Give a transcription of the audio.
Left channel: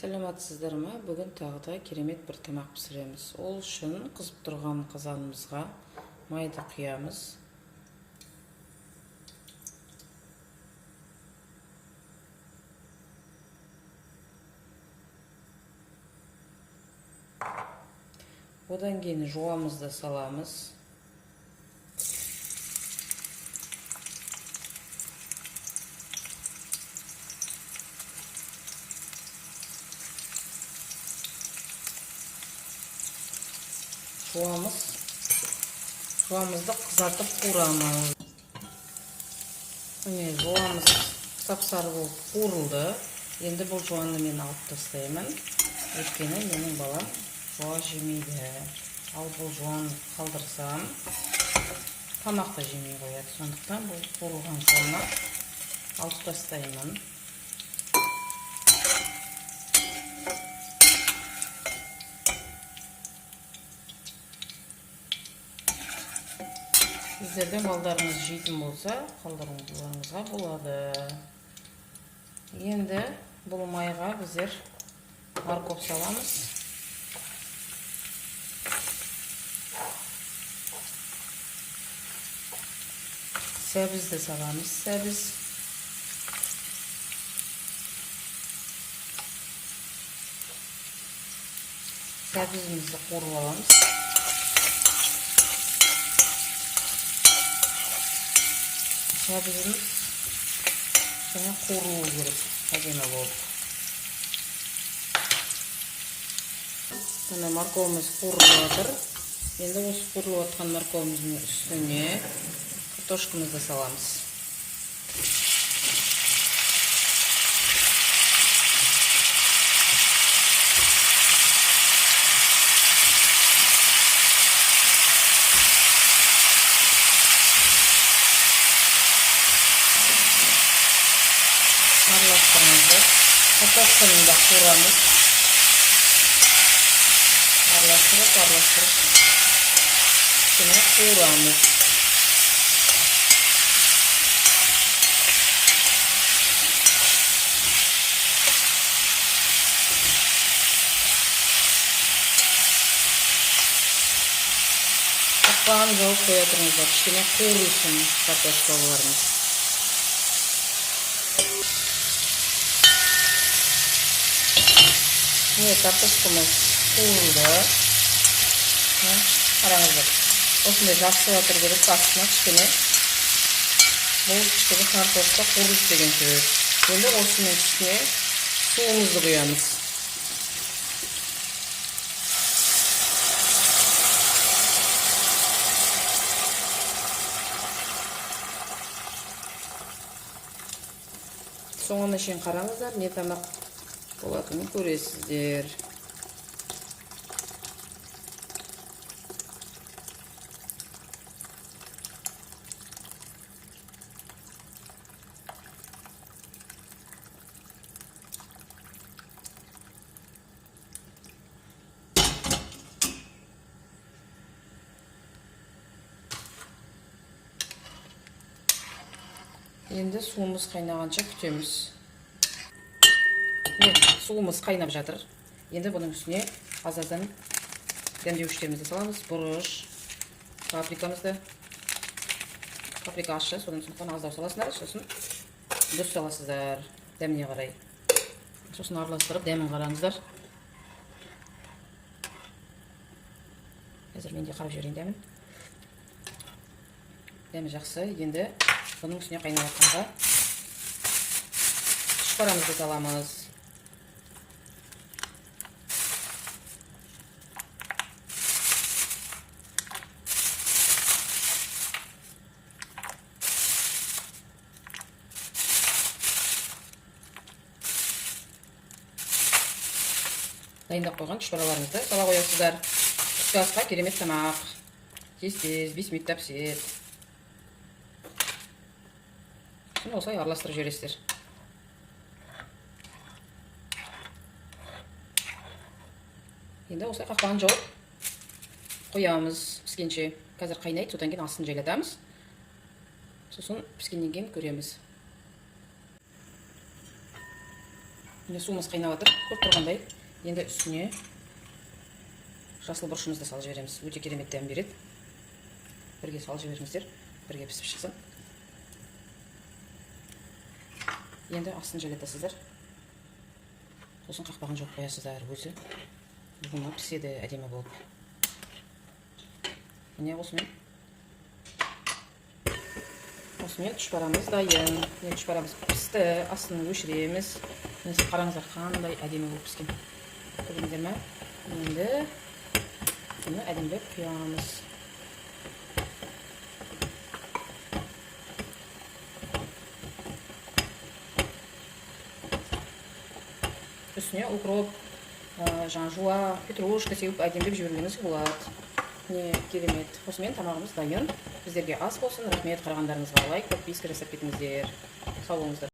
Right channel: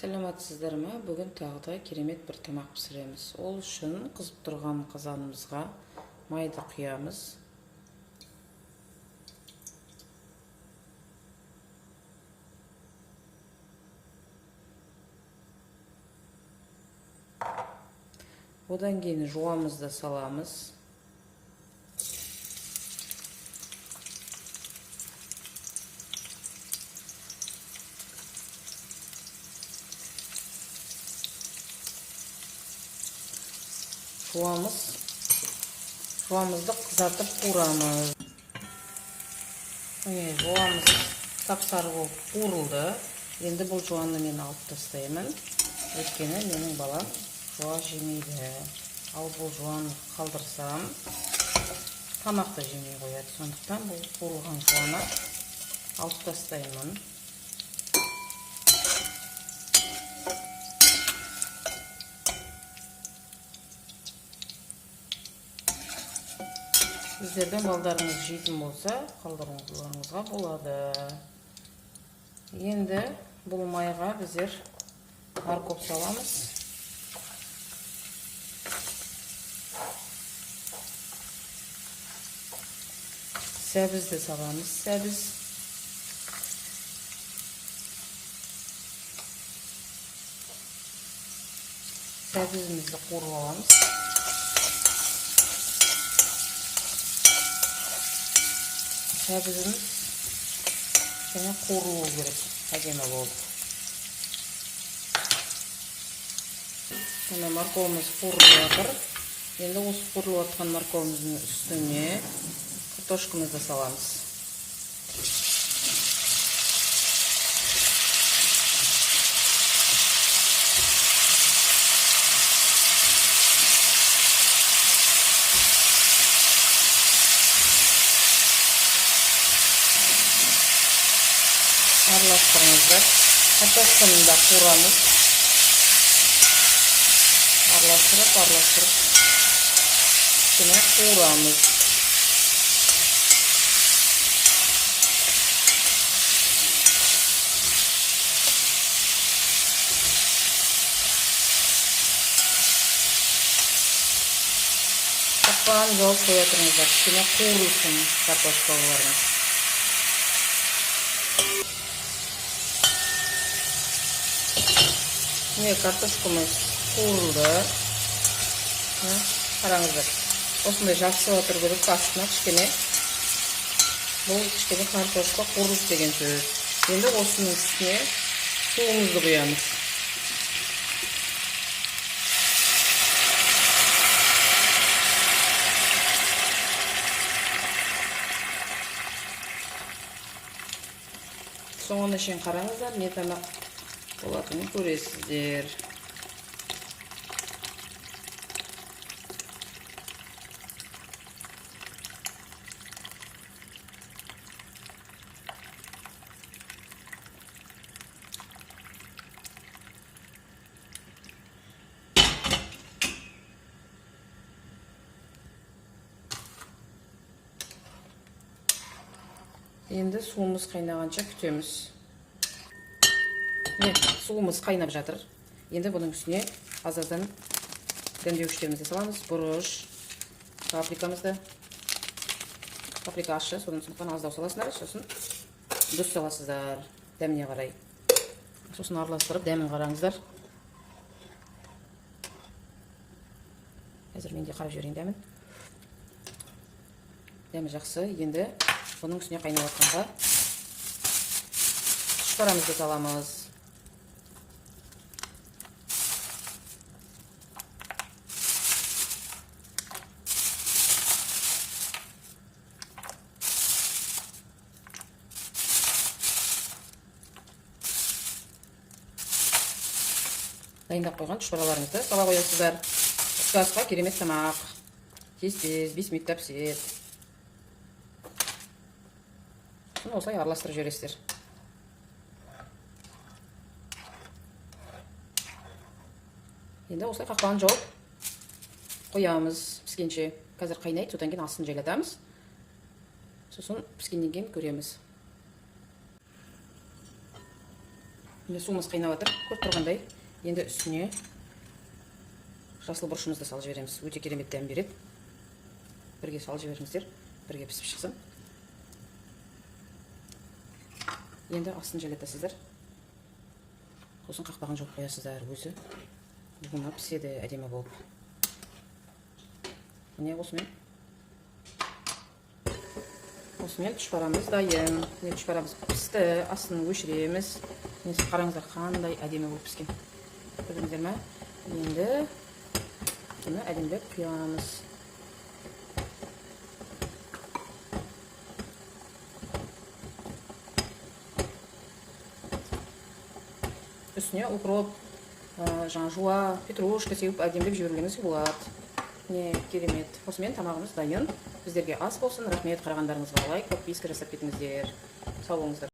Саламатсыздар ма? Бүгін тағы да керемет бір тамақ пісіреміз. Ол үшін қызып тұрған қазанымызға майды құямыз. Одан кейін жуамызды саламыз. Жуамызды қызартып қуырамыз. Міне жуамыз сап-сары болып қуырылды. Енді бұл жуанды мен алып тастаймын. Өйткені менің балам жуа жемейді. Ал бұл жуан қалдырсам, тамақты жемей қояды. Сондықтан бұл қуырылған жуаны алып тастаймын. Сіздердің балдарыңыз жейтін болса, қалдыруыңызға болады. Енді бұл майға біздер морковь саламыз. Сәбізді саламыз. Сәбізімізді қуырып аламыз. Сәбізіміз және қуырылуы керек, әдемі болып. Міне морковымыз қуырылып жатыр. Енді осы қуырылып жатқан морковымыздың үстіне картошкамызды саламыз. Aralastırmamızı, kартошканы да қуырамыз. Aralastırıp, şimdi қуырамыз. Kapağını жауып қоя тұрыңыздар, кішкене қуырылсын картошкаларымыз. Міне картошкамыз қуырылды. Қараңыздар. Осындай жақсы отыр керек астына кішкене. Бұл кішкене картошка қуырылды деген сөз. Енді осының үстіне суымызды құямыз. Соңына шейін қараңыздар, не тамақ болатынын көресіздер. Енді суымыз қайнағанша күтеміз. Суымыз қайнап жатыр. Енді бұның үстіне аз-аздан дәмдеуіштерімізді саламыз. Бұрыш, паприкамызды. Паприка ащы, сондықтан аздау саласыздар, сосын дұрыс саласыздар дәміне қарай. Сосын араластырып, дәмін қараңыздар. Қазір мен де қарап жіберейін дәмін. Дәмі жақсы. Енді бұның үстіне қайнап жатқанға шпарамызды саламыз. Дайындап қойған шпараларымызды сала қоясыздар. Түскі асқа керемет тамақ. Тез-тез 5 минутта піседі. Осылай араластырып жібересіздер. Енді осылай қақпағын жауып қоямыз піскенше. Қазір қайнайды, содан кейін астын жайлатамыз. Сосын піскеннен кейін көреміз. Енді суымыз қайнап жатыр. Көріп тұрғандай, енді үстіне жасыл бұрышымызды салып жібереміз. Өте керемет дәм береді. Бірге салып жіберіңіздер, бірге пісіп шықсын. Енді астын жайлатасыздар. Сосын қақпағын жауып қоясыздар өзі. Бұны піседі әдемі болып. Міне осымен тұшпарамыз дайын. Тұшпарамыз пісті, астын өшіреміз. Қараңыздар қандай әдемі болып піскен. Көрдіңіздер ме? Енді бұны әдемілеп құямыз. Үстіне укроп, жуа, петрушка сеуіп әдемілеп жіберулеріңіз болады. Не керемет. Осымен тамағымыз дайын. Біздерге ас болсын. Рахмет, қарағандарыңызға лайк, подписка жасап кетіңіздер. Сау болыңыздар.